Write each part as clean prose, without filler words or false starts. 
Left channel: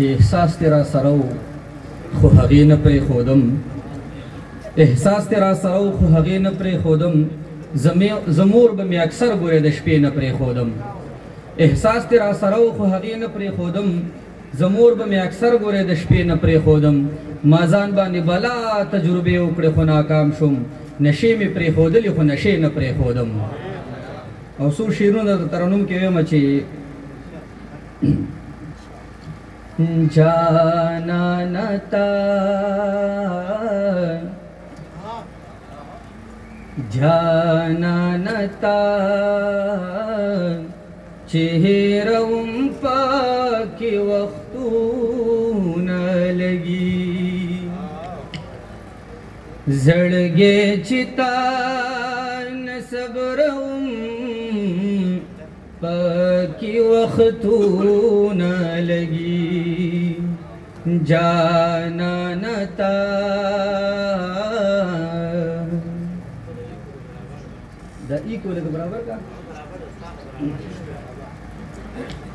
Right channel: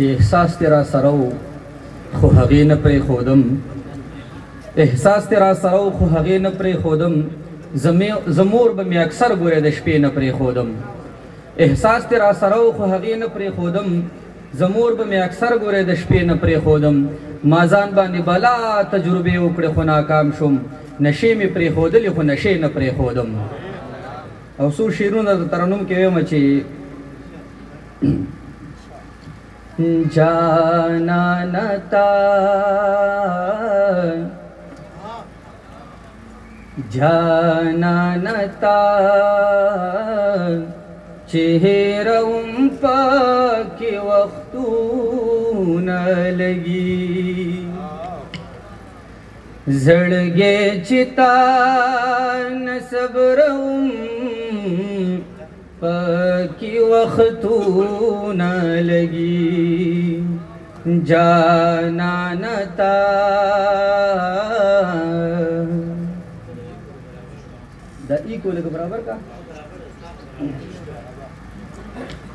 چې احساس دې را سره و خو هغې نه پرېښودم احساس دې را سره و خو هغې نه پرېښودم زمور به مې اکثر ګورې د شپې نه پرېښودم احساس دې را سره و خو هغې نه پرېښودم زمور به مې اکثر ګورې د شپې نه پرېښودم ما ځان باندې بلا تجربې وکړې خو ناکام شوم نشې مې پرېښودلې خو نشې نه پرېښودم او څو شعرونه د ترنم کې وایم چې جانانتا جانانتا چهرم پاکی وختونه لگی زړګې چې تا نه صبرم پاکی وختونه لگی جانانتا دا ای کو لکه برابر کا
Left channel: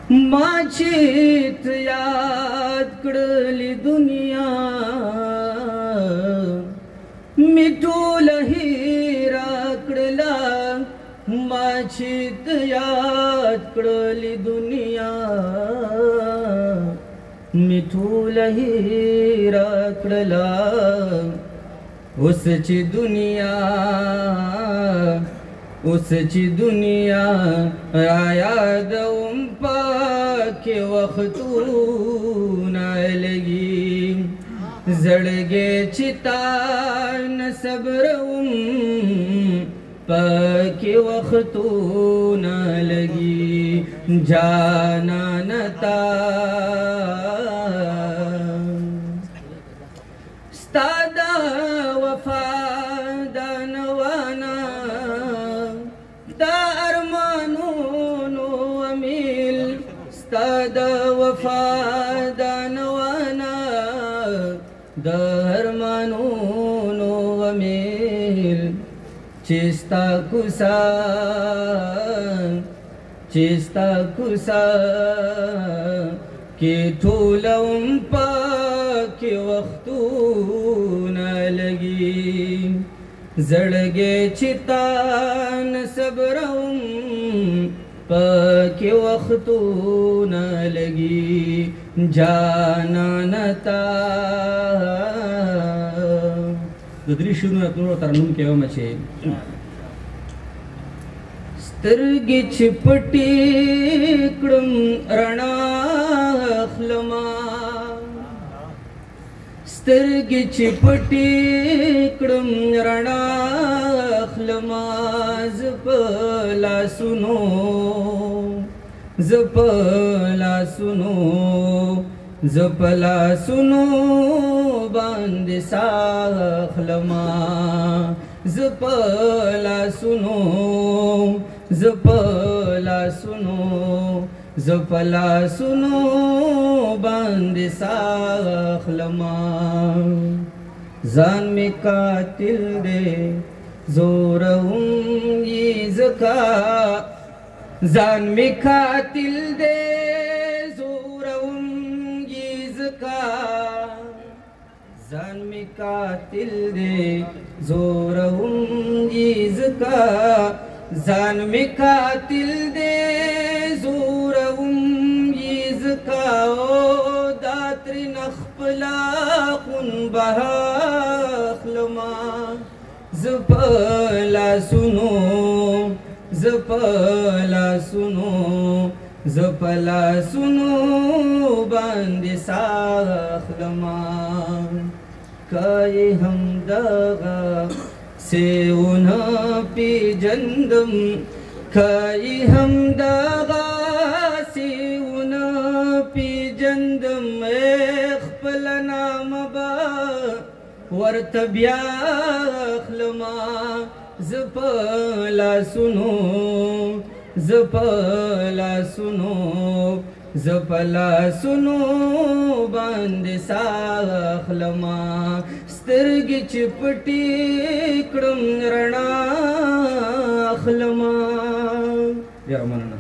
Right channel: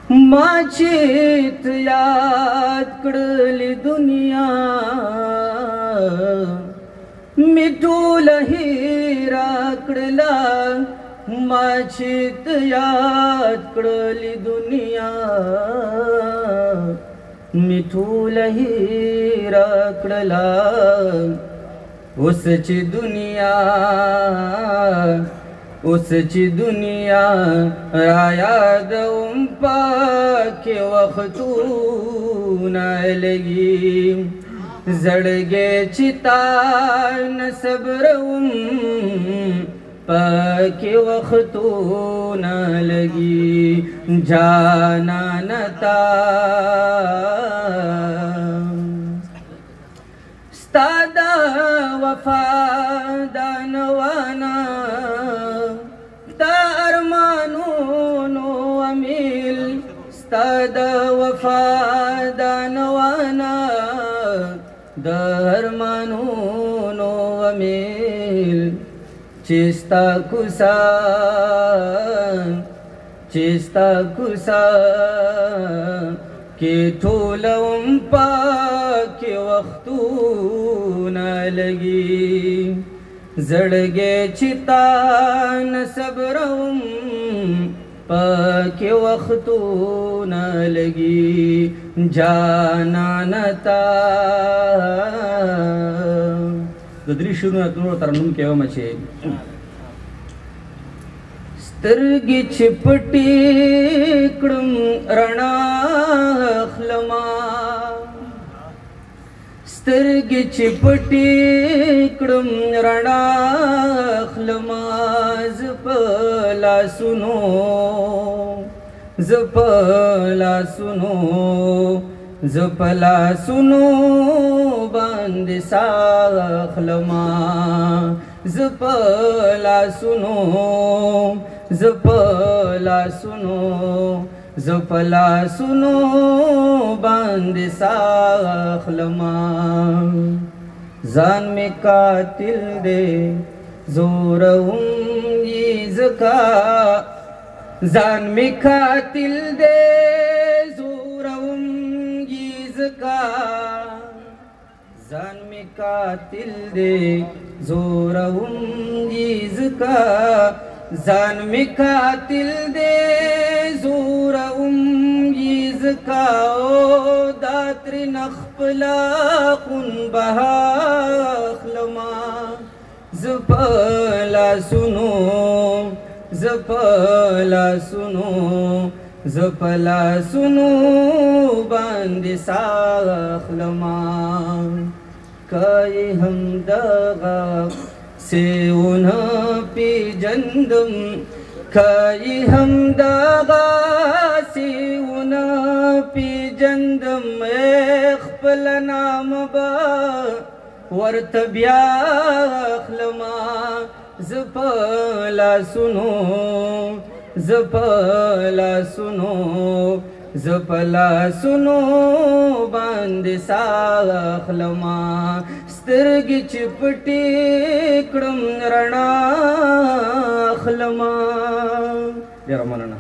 ما چې ته یاد کړلې دنیا مې ټوله هېره کړله ما چې ته یاد کړلې دنیا مې ټوله هېره کړله اوس چې دنیا را یادوم پاکې وختونه لګي زړګې چې تا نه صبروم پاکې وختونه لګي جانانتا ستا د وفا د نوانا دا ارمانونو امیل ستا د وفا د نوانا دا ارمانونو امیل چې ستا کوڅه کې ټولوم پاکې وختونه لګي زړګې چې تا نه صبروم پاکې وختونه لګي جانانتا د درې شعرونه نورو ترنم کې وایم چې سترګې چې پټې کړم رڼا اخلما سترګې چې پټې کړم رڼا اخلما زه په لاسونو باندې ساه اخلما زه په لاسونو باندې ساه اخلما ځان مې قاتل دی زورهم یې ځکه ځان مې قاتل دی زورهم یې ځکه ځان مې قاتل دی زورهم یې ځکه ځان مې قاتل دی زورهم یې ځکه او دا ترېنه خپله خون بها اخلما زه په لاسونو باندې ساه اخلما که یې همدغه سیونه پیژندم که یې همدغه سیونه پیژندم خپل نامه به ورته بیا اخلما زه په لاسونو باندې ساه اخلما سترګې چې پټې کړم رڼا اخلما ډېره مننه